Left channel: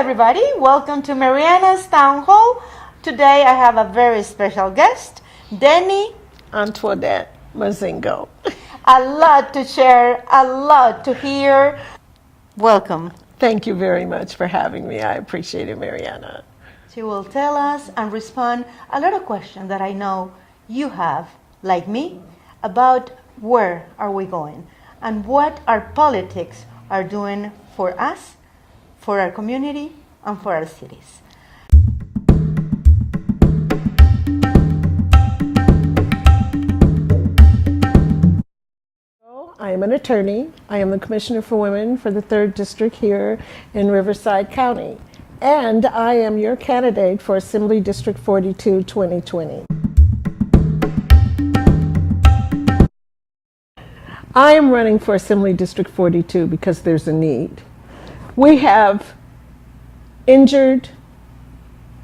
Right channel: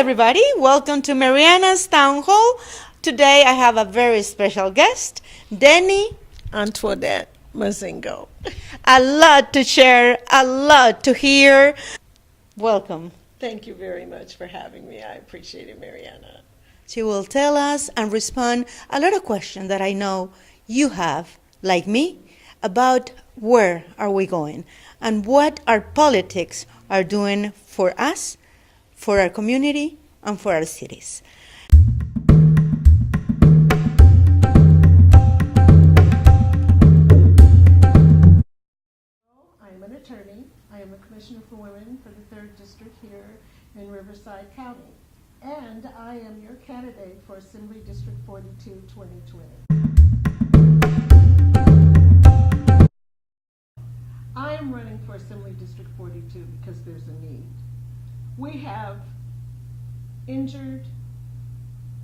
everybody. Welcome to Mariana's Town Hall. Today I have a very special guest, Denny Antoinette Mazingo. A lot to share, a lot to hear. Welcome. Thank you very much for having me. I appreciate it, Mariana. She will tell us and respond a lot of questions that I know you have, like me, about where are we going and what our politics are doing for us, for our community, and for our cities. I am an attorney. I am the Commissioner for Women for the 3rd District here in Riverside County. And I am your candidate for Assembly District 42 2020. I am running for Assembly District 42 because there's a need. We have injured,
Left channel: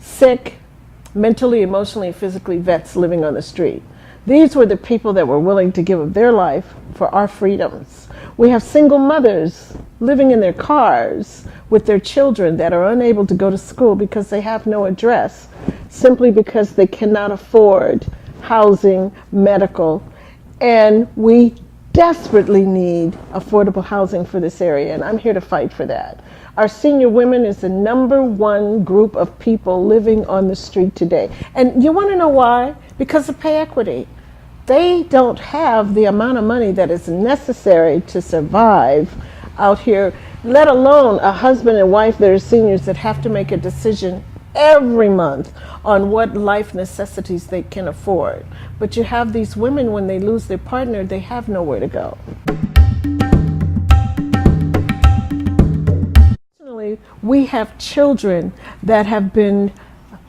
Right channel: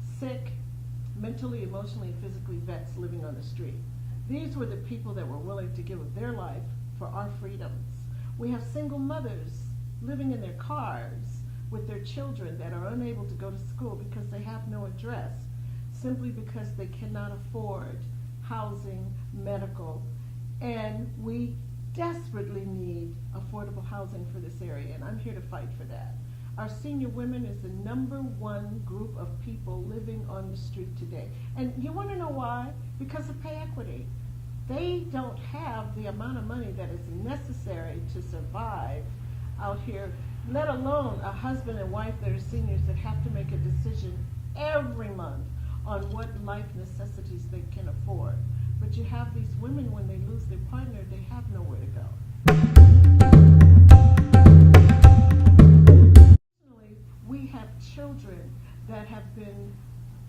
sick, mentally, emotionally, and physically vets living on the street. These were the people that were willing to give up their life for our freedoms. We have single mothers living in their cars with their children that are unable to go to school because they have no address, simply because they cannot afford housing, medical, and we desperately need affordable housing for this area, and I'm here to fight for that. Our senior women is the #1 group of people living on the street today. And you want to know why? Because of pay equity. They don't have the amount of money that is necessary to survive out here, let alone a husband and wife that are seniors that have to make a decision every month on what life necessities they can afford. But you have these women, when they lose their partner, they have nowhere to go. We have children that have been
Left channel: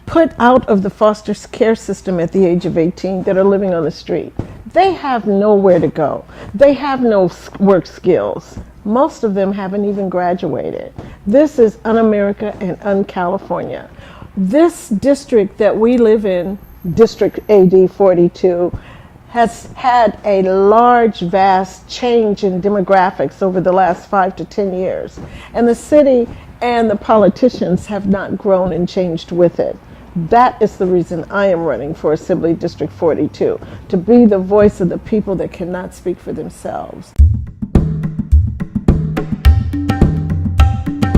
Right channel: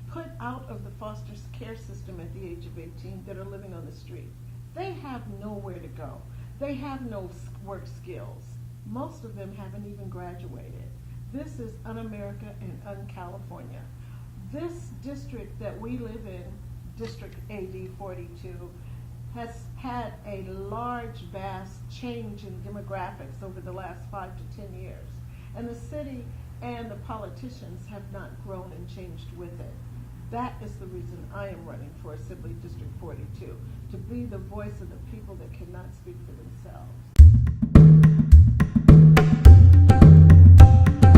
put out of the foster care system at the age of 18 that are living on the street. They have nowhere to go. They have no work skills. Most of them haven't even graduated. This is un-America and un-California. This district that we live in, District AD 42, has had a large, vast change in demographics over the last 5 to 10 years. And the city and the politicians have not grown and changed with it. That is the reason I am running for Assembly District 42, to be the voice of the people that cannot speak for themselves.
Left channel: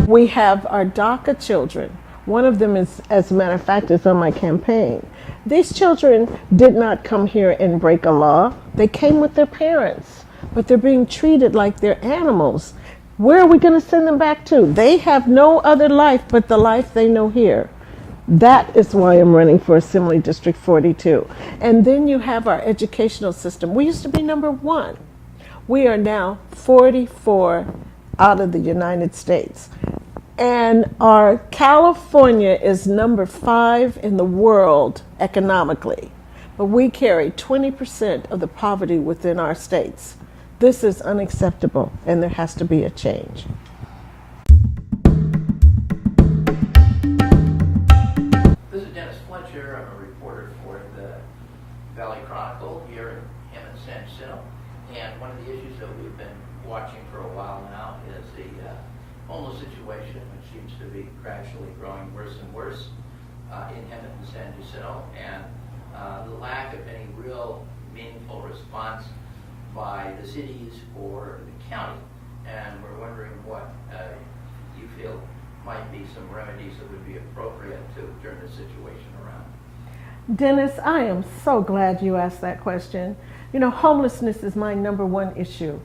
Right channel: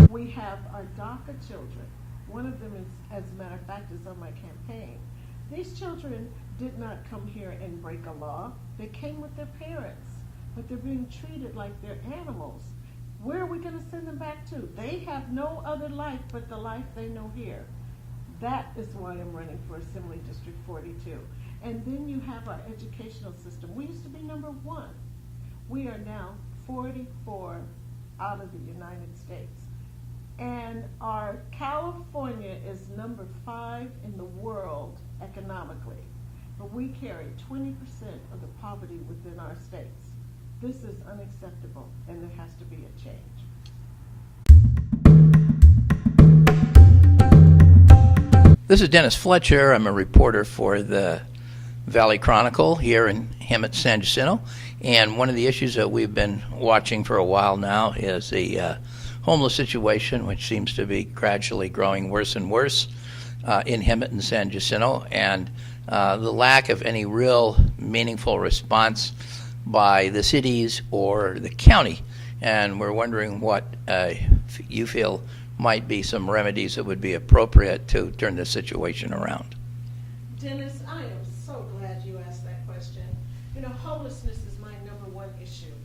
We have our DACA children. One of them is, as a matter of fact, is on my campaign. These children did not come here and break a law. They came with their parents, but they're being treated like they're animals. Where are we going to send them back to? They have no other life but the life they know here. That is why I'm running for Assembly District 42. And then you have our educational system. We used to be #1. We are now 44 out of the United States. And our California is #5 in the world economically. But we carry 20% of the poverty within our states. This is unacceptable, and there has to be a change. This is Dennis Fletcher. I'm a reporter for the Valley Chronicle here in Hemet, San Jacinto. And one of the issues that we've been watching for a while now is the homeless situation, which seems to be gradually growing worse and worse in Hemet and San Jacinto, and the lack of any real meaningful response by the cities or the county. And we're wondering what you feel might be some remedies that would be appropriate to turn this situation around. Dennis, I am so glad you asked that question. You know, homelessness is my #1 issue.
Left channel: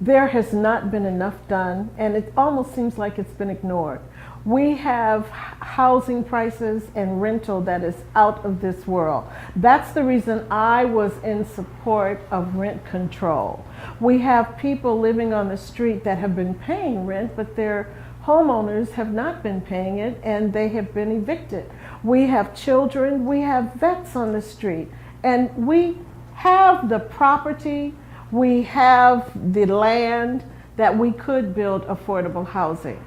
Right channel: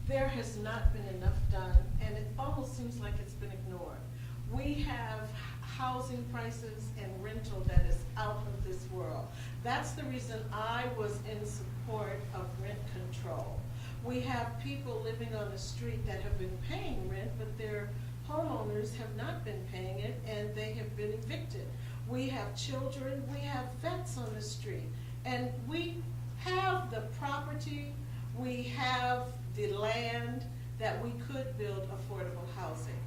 There has not been enough done, and it almost seems like it's been ignored. We have housing prices and rental that is out of this world. That's the reason I was in support of rent control. We have people living on the street that have been paying rent, but their homeowners have not been paying it, and they have been evicted. We have children, we have vets on the street, and we have the property, we have the land that we could build affordable housing.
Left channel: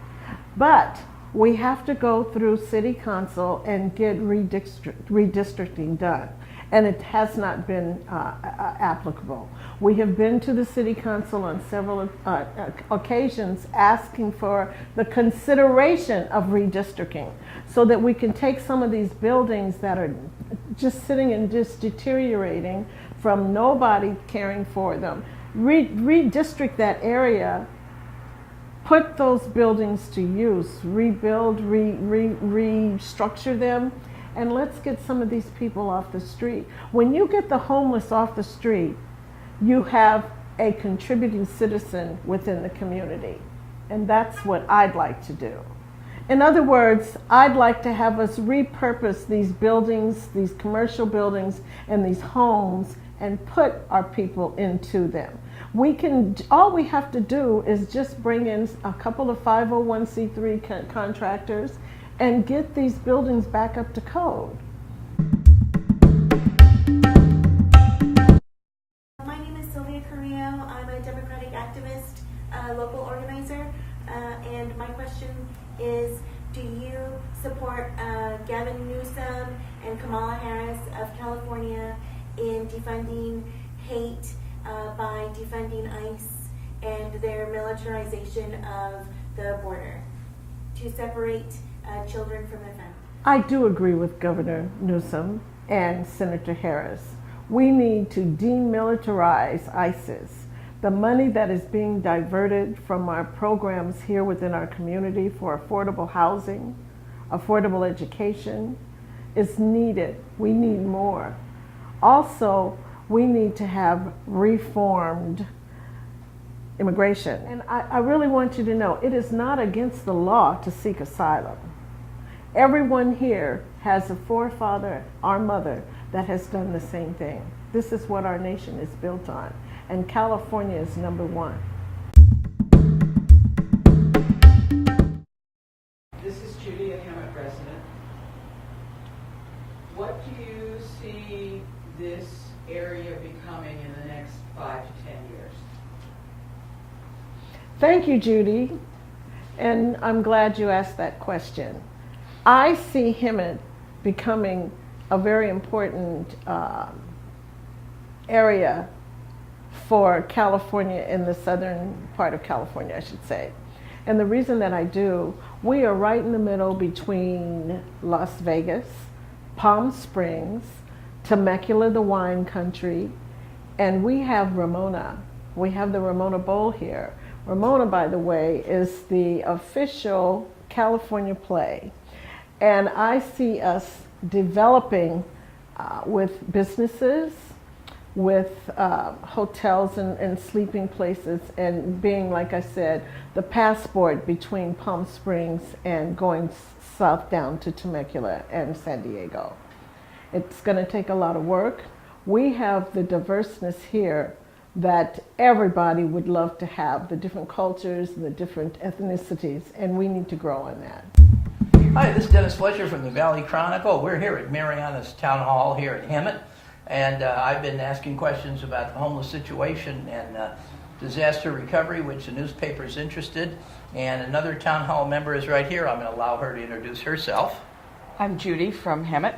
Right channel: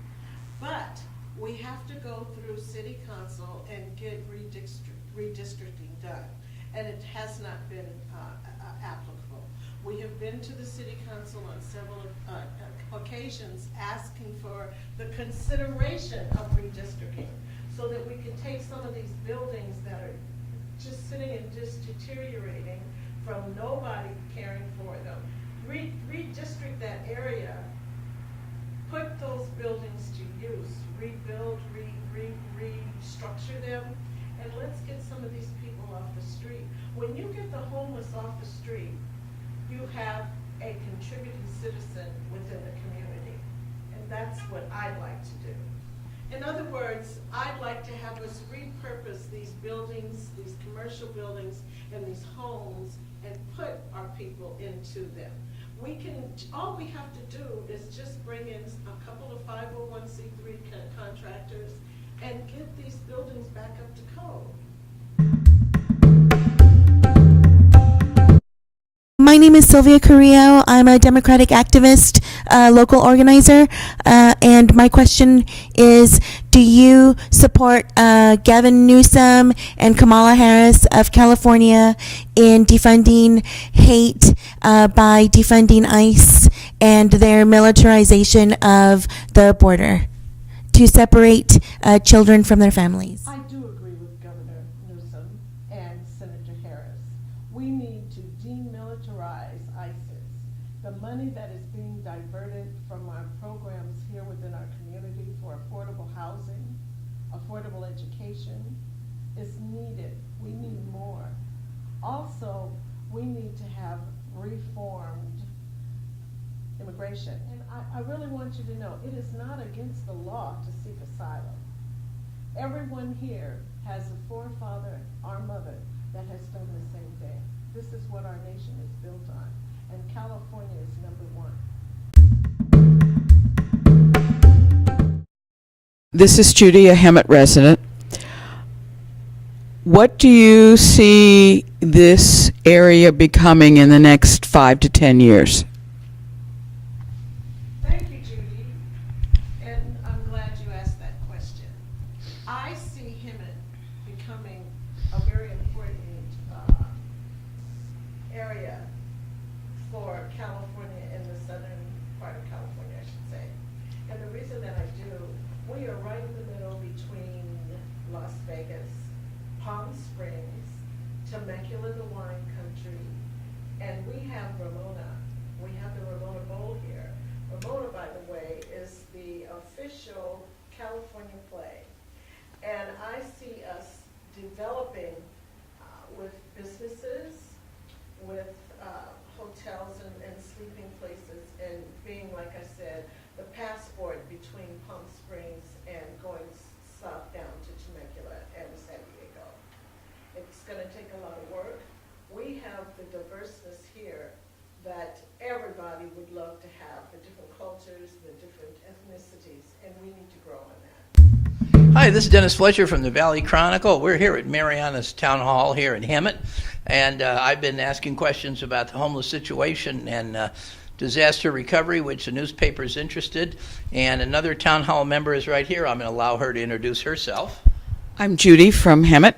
But we have to go through city council and get redistricting done. and it has not been applicable. We have been to the City Council on several occasions asking for the consideration of redistricting so that we can take some of these buildings that are just sitting and just deteriorating from nobody caring for them. Redistrict that area, put those buildings to use, rebuild, restructure them, and let's get some of these people off the street. When you get the homeless off the street, you have a contributing citizen within the community. And that's what I'd like to do. In other words, I'd like to have us repurpose these buildings, these commercial buildings, and these homes, and put our people into them. All we have to do is just bring in a couple of 501c3 contractors and get these buildings back up to code. My name is Sylvia Carrillo. I'm a Democratic activist, local organizer, and my question is, do you support Gavin Newsom and Kamala Harris of California in defunding hate by defunding ICE and their militarization of the border to separate children from their families? I do agree with Governor Newsom and Senator Harris. We need to demilitarize ISIS. The money that is being diverted from our programs here within our community for affordable housing, affordable education, is needed. We need more. Also, we need to have reformed immigration. And I really want you to know, it is not against the law to seek asylum. Everyone here has a forefather or mother that has done the same thing. This is what our nation is built on, and California is number one. This is Judy, a Hemet resident. What do you see this area becoming in the next 5 to 10 years? Thank you, Judy, and I'm glad you asked that question. I see Hemet becoming a very important area for California, in the southern part of California, I should say. And the reason that I do, we are right in the middle between Las Vegas, Palm Springs, Temecula, the wine country, and we have Ramona. We have the Ramona Bowl here. Ramona, by the way, is the official California play. And I see us developing with businesses, with hotels and sleeping places, and being, like I said, the passport between Palm Springs and going south down to Temecula and San Diego. It's going to take a lot of work. We have the diverseness here that everybody would love to have, the different cultures, the different ethnicities, and we need to grow on that. Hi, this is Dennis Fletcher from the Valley Chronicle. We're here at Mariana's Town Hall here in Hemet, and I've been asking questions about the homeless situation and disaster recovery, which the newspaper is interested. And another town hall member is right here. I'm going to allow her to introduce herself. I'm Judy from Hemet.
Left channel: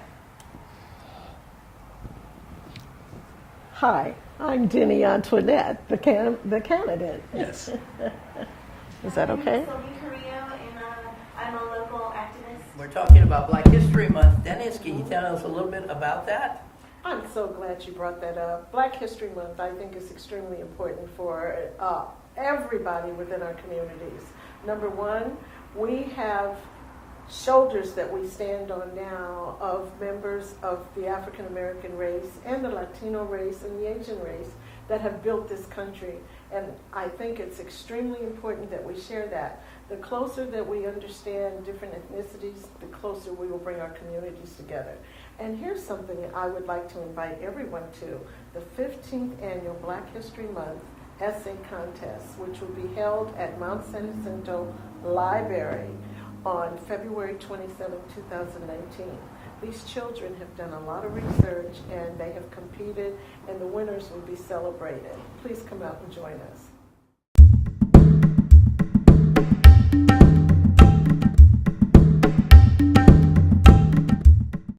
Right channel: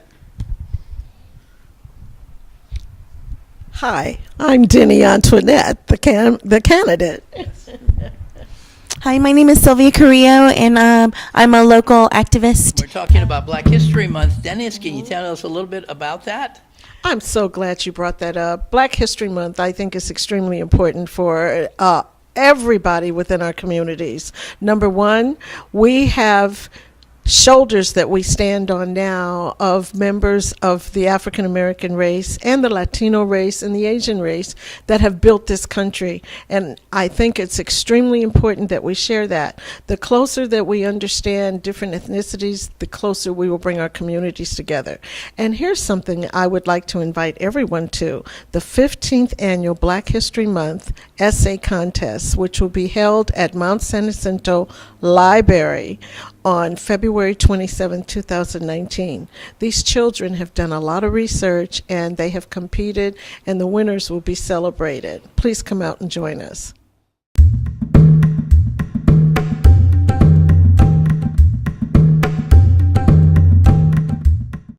Hi, I'm Denny Antoinette, the candidate. Yes. Hi, my name is Sylvia Carrillo, and I'm a local activist. We're talking about Black History Month. Dennis, can you tell us a little bit about that? I'm so glad you brought that up. Black History Month, I think, is extremely important for everybody within our communities. Number one, we have shoulders that we stand on now of members of the African American race and the Latino race and the Asian race that have built this country. And I think it's extremely important that we share that. The closer that we understand different ethnicities, the closer we will bring our communities together. And here's something I would like to invite everyone to: the 15th annual Black History Month essay contest, which will be held at Mount San Jacinto Library on February 27, 2019. These children have done a lot of research and they have competed, and the winners will be celebrated. Please come out and join us.